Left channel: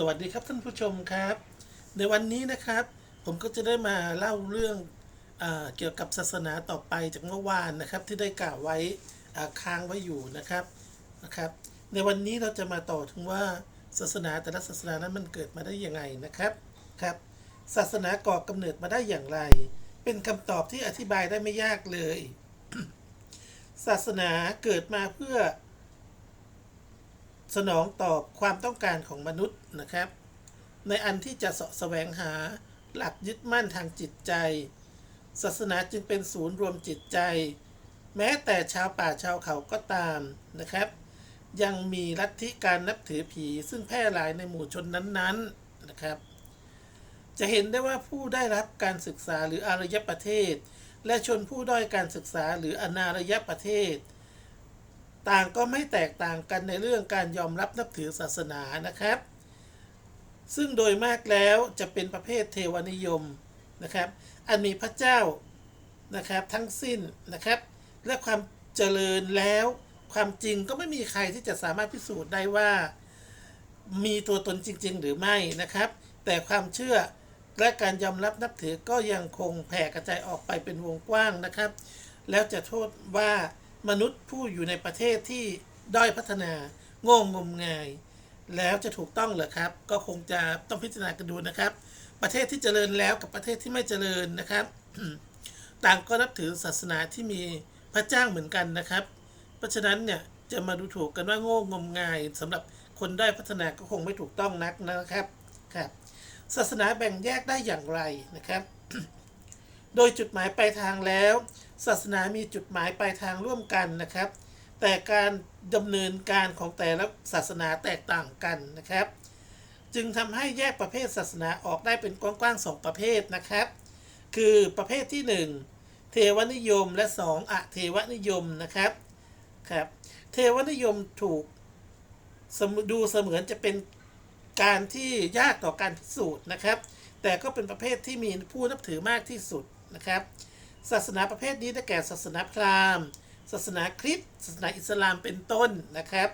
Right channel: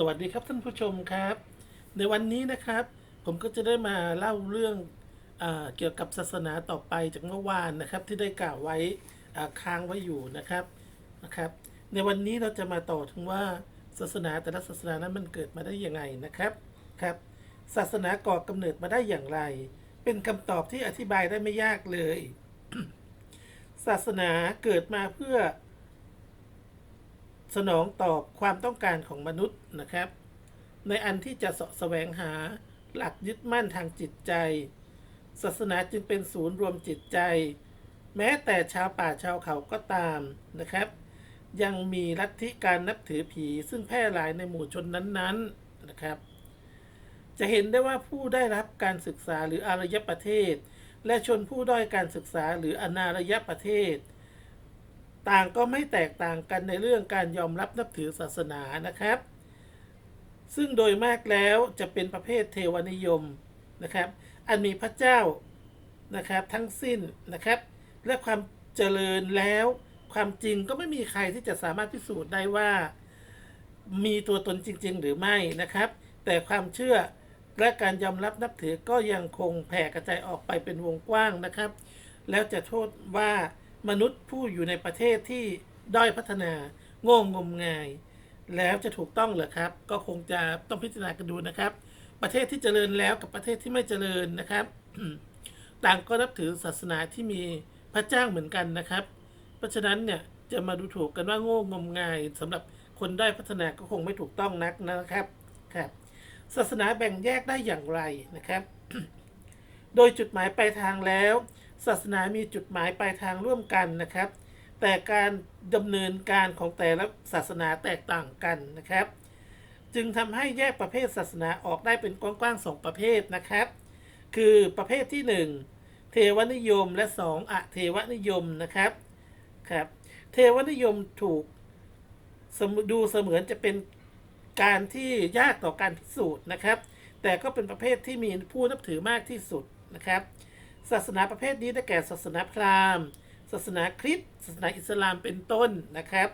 สวัสดีครับท่านผู้ชมครับ ในวันนี้นะครับ ผมก็จะได้มาเล่าเรื่องอเกี่ยวกับศาสนาต่อไปจากเมื่อวานนะครับ ที่ได้กล่าวไว้ค้างไว้อยู่นะครับนะครับ ในวันนี้เราจะมาต่อถึงว่าศาสนาแต่ละศาสนานั้นมันเกิดมาได้อยังไงนะครับครับ ศาสนาก่อกำเนิดมาได้อย่างไร เป็นคำตอบที่อธิบายได้ไม่ยากเลย ศาสนาเกิดมาเพื่อ สนองตอบความต้องการของมนุษย์นะครับ ในอันที่จะสะแสวงหาหลักยึดมั่นทางจิตใจ ศาสนาจึงเป็นศูนย์รวมจิตใจ แม้แต่ชาวป่าชาวเขาก็ตามนะครับ ยังมีลัทธิการนับถือผีซึ่งแพร่หลายในหมู่ชนนั้นๆนะครับ จะเห็นได้ว่าผู้ได้รับการศึกษาหรืออารยประเทศ และชนผู้ด้อยการศึกษาหรืออนารยประเทศ ต่างก็ไม่แตกต่างกันในเรื่องการยอมรับนับถือศาสนานะครับ ซึ่งโดยมากแล้วจะเป็นประเภทเทวนิยมนะครับ อันมีพระเจ้านะครับทั้งสิ้นนะครับ และความเจริญแล้วความจริงก็ไม่มีใครที่จะสามารถพิสูจน์ได้ว่า มีตัวตนจริง ๆ หรือไม่นะครับ แต่ความเชื่อและการยอมรับนับถือก็ยังคงแผ่กระจายออกไปเป็นวงกว้างนะครับ แล้วจะโทษว่า มนุษย์ผู้อยู่ในประเทศที่ด้อยพัฒนา โง่งมงาย แล้วจะถูกต้องเหรอครับ ก็คงจะต้องพิจารณากันดูนะครับ ประเทศที่เจริญแล้วกับประเทศที่ไม่เจริญนะครับ ต่างก็นับถือศาสนาที่มีพระเจ้าเหมือนกันนะครับ เพราะฉะนั้นเนี่ยจะมาดูถูกกันว่าโง่งมงายสำหรับคนได้พัฒนาก็คงไม่ถูกต้องนักนะครับครับ ศาสนาแบ่งแยกได้อย่างไรนะครับ โดยจุดหมายปลายทางแล้ว ศาสนามีจุดหมายปลายทางร่วมกันนะครับ แต่การดำเนินการของแต่ละศาสนาแตกต่างกันนะครับ จึงทำให้แยกประเภทศาสนาออกได้เป็นกว้างๆสองประเภทนะครับ คือประเภทที่ 1 เทวนิยมและ 2อะเทวนิยมนะครับครับ เทวนิยมถูกดูเสมือนจะเป็นการที่ยากต่อการพิสูจน์นะครับ แต่ก็เป็นประเภทที่มีผู้นับถือมากที่สุด นะครับ ศาสนาประเภทนี้ได้แก่ศาสนาพราหมณ์ ศาสนาคริสต์ ศาสนาอิสลามเป็นต้นนะครับ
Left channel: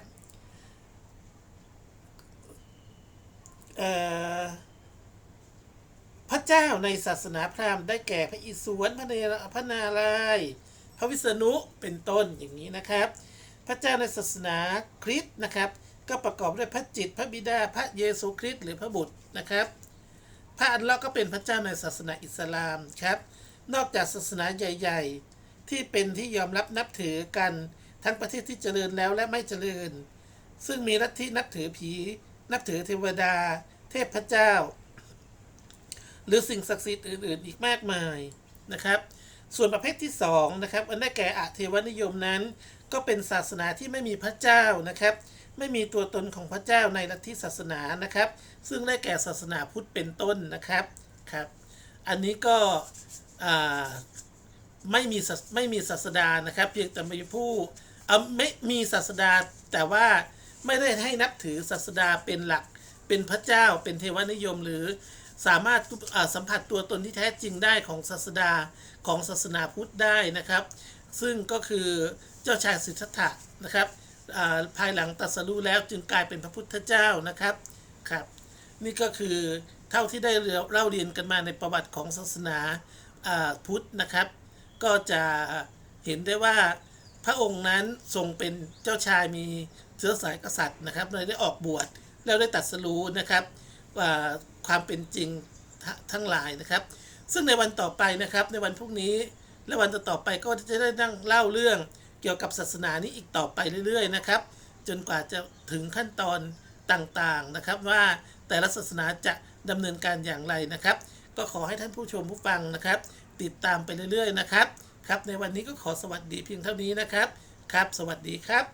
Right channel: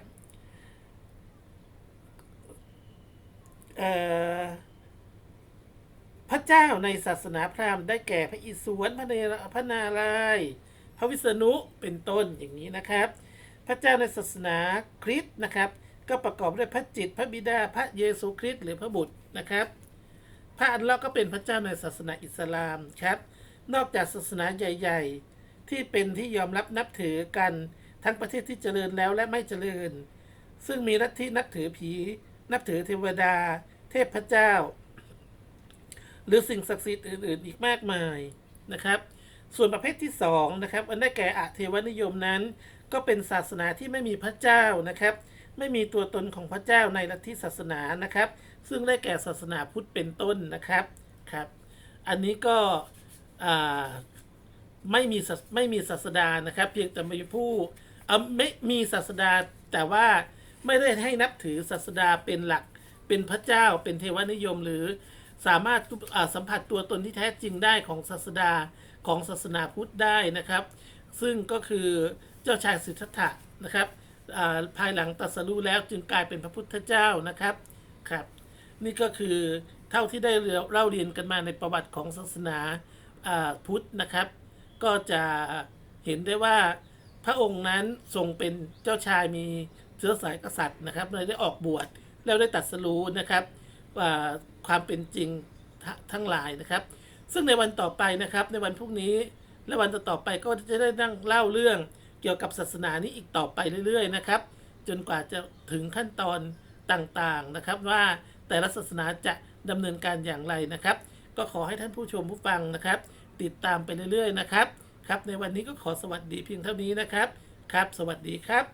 พระเจ้าในศาสนาพราหมณ์ได้แก่พระอิศวรพระเนรพระนารายณ์พระวิษณุเป็นต้นอย่างนี้นะครับ พระเจ้าในศาสนาคริสต์นะครับ ก็ประกอบด้วยพระจิต พระบิดา พระเยซูคริสต์หรือพระบุตรนะครับ พระอัลเลาะห์ก็เป็นพระเจ้าในศาสนาอิสลามครับ นอกจากศาสนาใหญ่ ๆ ที่เป็นที่ยอมรับนับถือกันทั้งประเทศที่เจริญแล้วและไม่เจริญ ซึ่งมีลัทธินับถือผี นับถือเทวดา เทพเจ้า หรือสิ่งศักดิ์สิทธิ์อื่น ๆ อีกมากมายนะครับ ส่วนประเภทที่2นะครับอันได้แก่อะเทวนิยมนั้น ก็เป็นศาสนาที่ไม่มีพระเจ้านะครับ ไม่มีตัวตนของพระเจ้าในลัทธิศาสนานะครับ ซึ่งได้แก่ศาสนาพุทธเป็นต้นนะครับครับ อันนี้ก็ ไม่มีไม่มีศาสดานะครับ เพียงแต่มีผู้ไม่มีศาสดาแต่ว่าไม่ได้ให้นับถือศาสดาเป็นหลักเป็นพระเจ้าเป็นเทวนิยมหรือสามารถสัมผัสตัวตนที่แท้จริงได้ของศาสดาของศาสนาพุทธได้นะครับ ซึ่งก็คือเจ้าชายสิทธัตถะนะครับภายหลังตัสรู้แล้วจึงกลายเป็นพระพุทธเจ้านะครับครับ นี่ก็คือเท่าที่ได้เล่าเรียนกันมาในประวัติของศาสนา พุทธนะครับ ก็จะเห็นได้ว่าพระองค์นั้นทรงเป็นเจ้าชายมีเชื้อสายกษัตริย์นะครับเลยได้ออกบวชแล้วได้ตรัสรู้นะครับว่าความเป็นจริงทั้งหลายนะครับ ซึ่งในวันต่อไปนะครับในวันพรุ่งนี้และวันต่อๆไปก็จะได้นั่งเล่าเรื่องเกี่ยวกับศาสนานี้อีกต่อไปเรื่อยๆนะครับ จนกว่าจะถึงขั้นตอนต่างๆนะครับ ว่าแต่ละศาสนาจะดำเนินการอย่างไรนะครับ ก็ขอให้ท่านผู้ชมผู้ฟังนะครับ ติดตามไปเรื่อยๆนะครับครับ ในวันนี้ก็ขอสวัสดีเพียงเท่านี้นะครับ ครับ สวัสดีครับ